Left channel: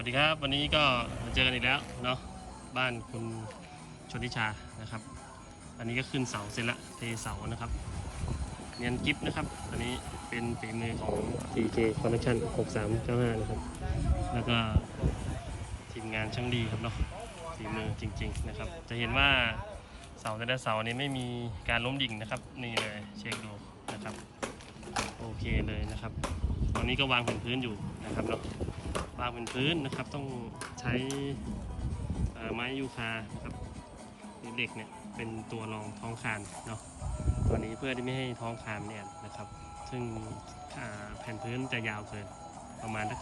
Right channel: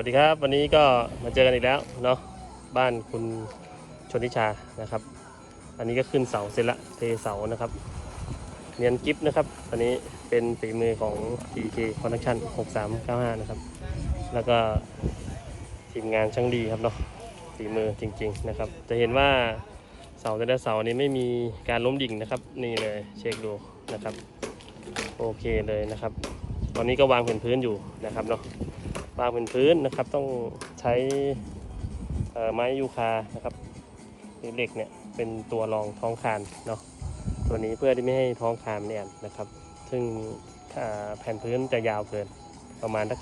วัสดีครับ วันนี้ก็มาเจอกันอีกแล้วเนาะบ้านคุณชนทิชานะครับ อันนี้ก็ขึ้นเสาเสร็จละเทเสานะครับ เนียนกิฟนะครับ อันนี้เป็นฝีมือของ TK Connection 6395 นะครับ แล้วก็ทีมงานช่างดีครับเนาะฝีมือจริง ๆนะครับ จะเห็นว่าเสาแต่ละเสานี้ไม่มีการล้มดิ่งนะครับ นี่เลยเช็คดูนะครับ โอเคเลยนะครับ ตอนนี้ก็วางแผ่นพื้นอยู่นะครับเนาะ วางเป็นพื้นนะครับ ต้องใช้ไม้ยูคานะครับหรือเหล็กเนี่ยเป็นตัวรองท้องคานเนาะตัวนี้เพื่อที่ไม่ให้ท้องคานเนี่ยนะครับ ซึ่งแผ่นพื้นจะยาวเกินประมาณสัก